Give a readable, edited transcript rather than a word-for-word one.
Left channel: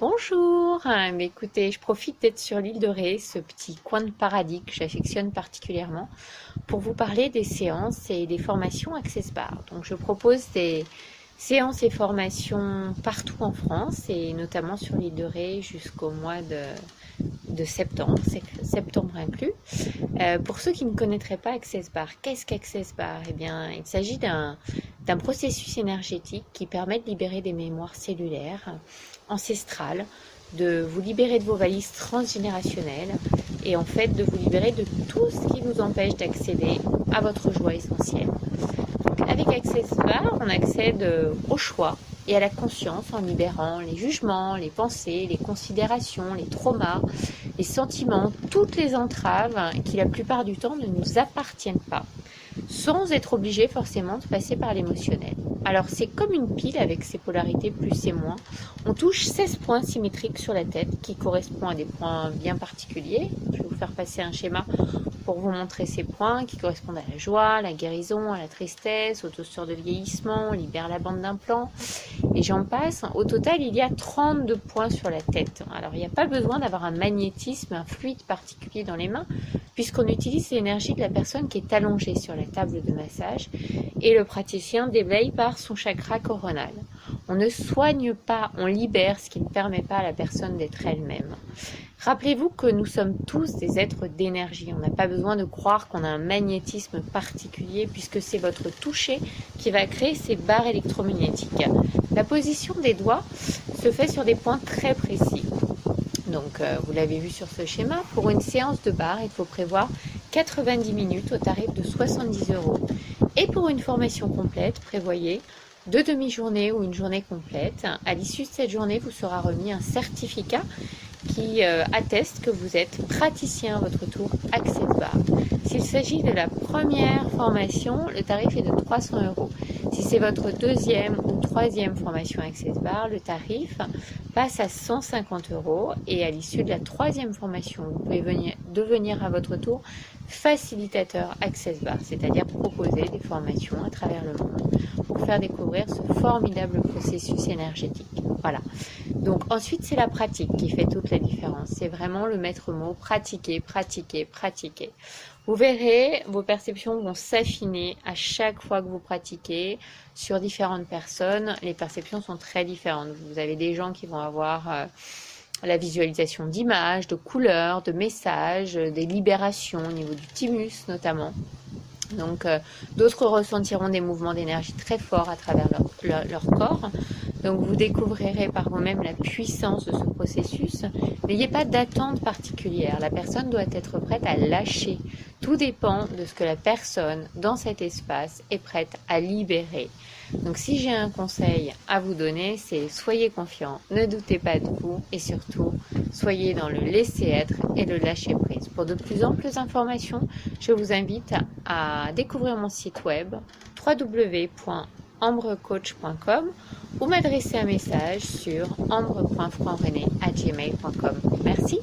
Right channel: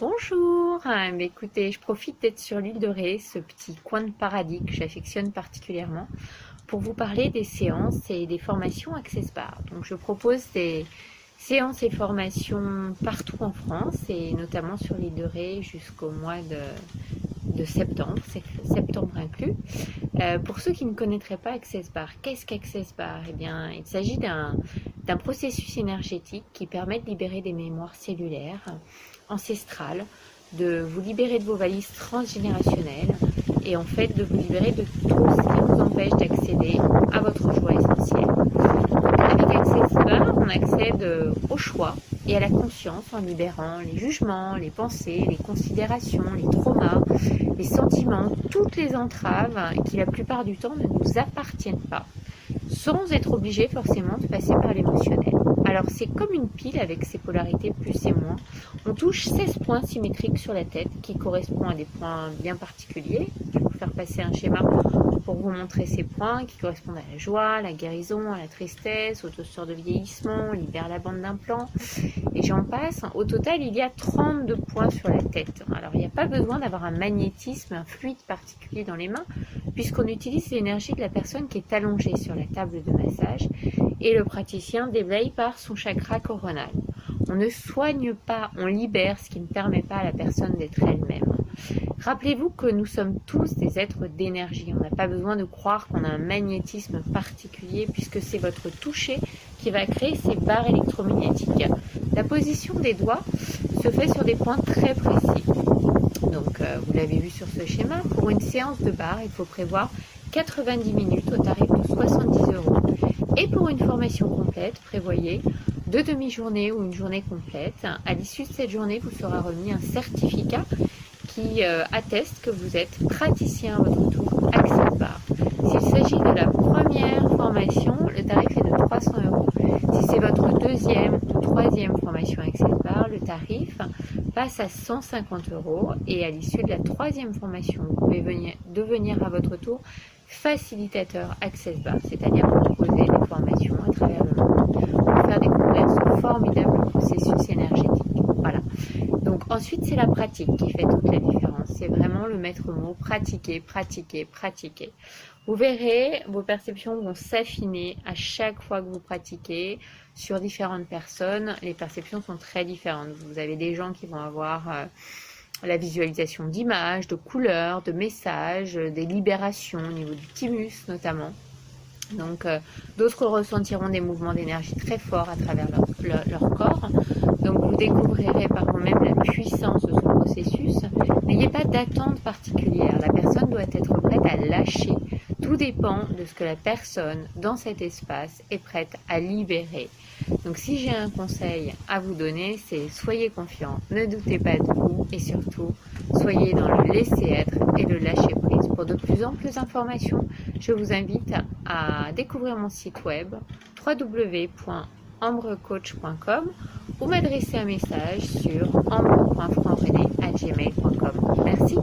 Bonjour, mais écoutez, je profite d'être sur l'île de Ré, ce petit coin de paradis que j'affectionne particulièrement, pour vous parler des séances et des formations Access Bar. Donc je propose des séances et formations partout en France et notamment sur l'île de Ré jusqu'au mois de septembre, c'est septembre inclus. Pour ceux qui ne connaîtraient pas Access Bar, qu'est-ce qu'Access Bar? Eh bien, il s'agit d'un processus énergétique qui permet de libérer des mémoires cellulaires ancestrales, de vous libérer de vos valises transgénérationnelles et en fait de vous libérer de tout ce qui vous empêche d'accéder à votre joie essentielle. Donc, avec Access Bar, on accède au choix et à la conscience en libérant les jugements, les pensées, les considérations, les traumas, les sentiments, toutes les entraves qui la plupart du temps ne nous appartiennent pas, sans être obligé forcément de passer par l'émotionnel. Alors c'est comme une pile avec ses polarités plus et moins. On touche 16 points symétriques sur la tête qui correspondent à des points bien particuliers. Je vais vous faire passer un schéma pour vous montrer ces points qui correspondent à la joie, à la guérison, à la tristesse, au toaster de vieillissement, on libère la bande d'implant et j'en passe. Au total, il y a 32 points sur la tête. Alors il n'y a pas besoin d'avoir un magnétisme, un fluide particulier dans les mains puisqu'on utilise l'énergie de la personne qui est allongée sur la table de massage et le praticien déblaye par son chakra coronal. On ne soigne pas, on libère ce qui ne permet pas à la personne d'être elle-même. Rappelez-vous que nous sommes tous des êtres d'énergie. On n'a pas besoin de croire qu'on a un magnétisme particulier puisque c'est votre toucher qui va créer ces barres électromagnétiques. La position des doigts se fait sur des points très précis. Donc vous l'avez vu sur ce schéma, pour une séance de barre, il faut prévoir 90 minutes au tarif de 70 €. Et pour une formation complète, prévoyez 2 demi-journées ou une journée complète. À l'issue de cette journée, vous sera remis un certificat qui atteste que vous êtes praticien à votre tour Access Bar. S'il s'agit de la première formation, le tarif est de 300 €. Si c'est votre deuxième ou troisième formation Access Bar, le tarif passe à 150 € et à l'issue de la troisième formation, vous pouvez devenir à votre tour facilitateur Access Bar, c'est-à-dire proposer des formations à travers le monde pour faire découvrir ce formidable processus énergétique. Voilà. Donc ensuite, c'est la pratique qui fait toute la différence. C'est vraiment le maître mot, pratiquer, pratiquer, pratiquer. Vous verrez, vos perceptions vont s'affiner à chaque fois que vous pratiquez sur différentes personnes. Les perceptions sont très différentes. Vous avez des gens qui vont avoir la visualisation d'images, de couleurs, de messages, des libérations au niveau du thymus notamment. Donc d'autres ressentiront des mouvements d'énergie très forts à travers leur corps. Donc vous découvrirez par vous-même la puissance de ce processus. N'ayez pas d'attente particulière. La personne doit être prête à lâcher. Tout dépend de ce que la personne dans cet espace est prête à libérer. Donc si j'ai un conseil à vous donner, c'est soyez confiants, ne doutez pas de vous et surtout soyez dans le laisser-être et le lâcher-prise. Pour de plus amples informations, je vous invite à découvrir mon site web www.ambrecoach.com ou m'adresser un message sur ambre.franc-rené@gmail.com. Merci.